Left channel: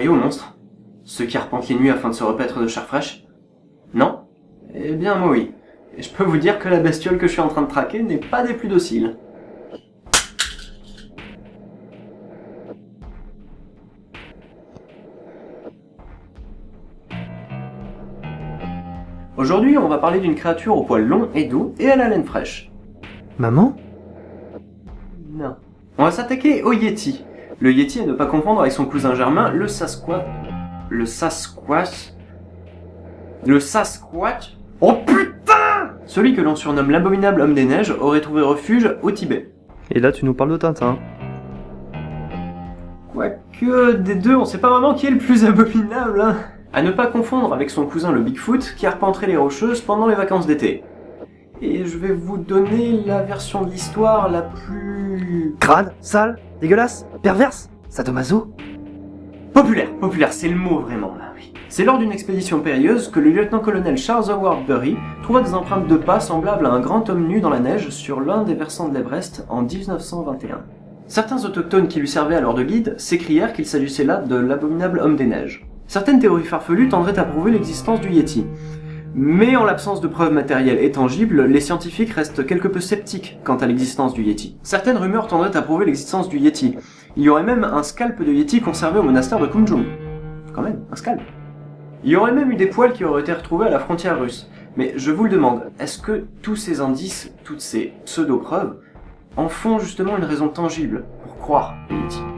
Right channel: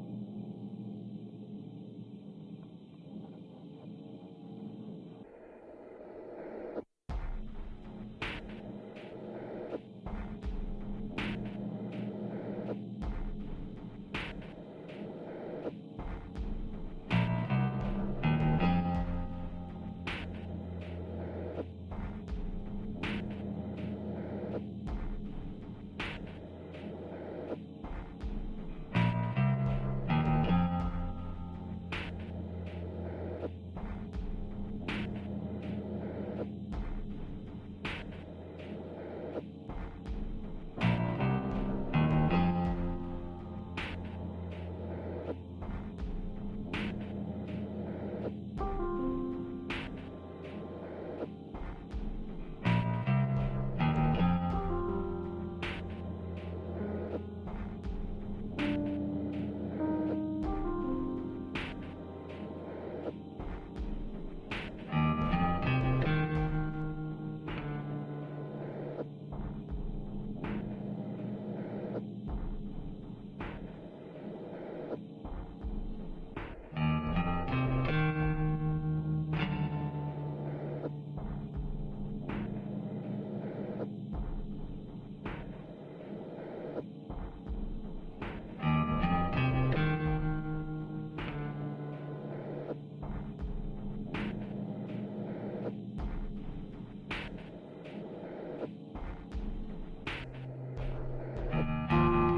croyez aux monstres? Ceux qui arpentent les nuits afin de se repaître de chair fraîche? Non? Eh bien moi oui. Et je peux vous dire que la bestiole que je suis en train de traquer n'est pas des plus dociles. Aujourd'hui, on va parler d'une créature au poil long et doux et à la laine fraîche. Maman? Non. On va s'attaquer au Yeti. Le Yeti à ne pas confondre avec son cousin germain, le Sasquatch. Le Sasquatch. Le Sasquatch. Oh putain! Celui que l'on surnomme l'abominable homme des neiges aurait trouvé refuge au Tibet. Et là, tu nous parles de Tintin. Quoique, des deux, on sait pas vraiment qui est le plus abominable, hein. À ne pas confondre avec son cousin le Bigfoot qui arpenterait les Rocheuses pendant les vacances d'été. Et je vais vous donner la version de l'histoire la plus... Crade, sale, dégueulasse, perverse, sadomaso. Populaire, c'est le mot vraiment, là, oui. C'est lors d'une expédition périlleuse que le lieutenant-colonel Charles Howard Bury trouva des empreintes de pas semblables à un grand homme nu dans la neige sur l'un des versants de l'Everest en 1921. Certains autochtones qui lui servaient alors de guide s'écrièrent qu'il s'agissait là de l'abominable homme des neiges. Certaines théories farfelues tendraient à prouver l'existence du Yeti. Mais en l'absence de preuves matérielles et tangibles, les scientifiques restent quelque peu sceptiques quant à l'existence du Yeti. Certaines rumeurs tendraient à prouver l'existence du Yeti. Il y aurait même un scalp de Yeti conservé au monastère de Kunjung. Quand même, un scalp. Il y aurait même eu des poils qui auraient été retrouvés à la frontière russe. Mais je vous le demande, est-ce que tous ces indices, toutes ces pseudo-preuves, en font justement une raison tangible pour croire au Yeti ?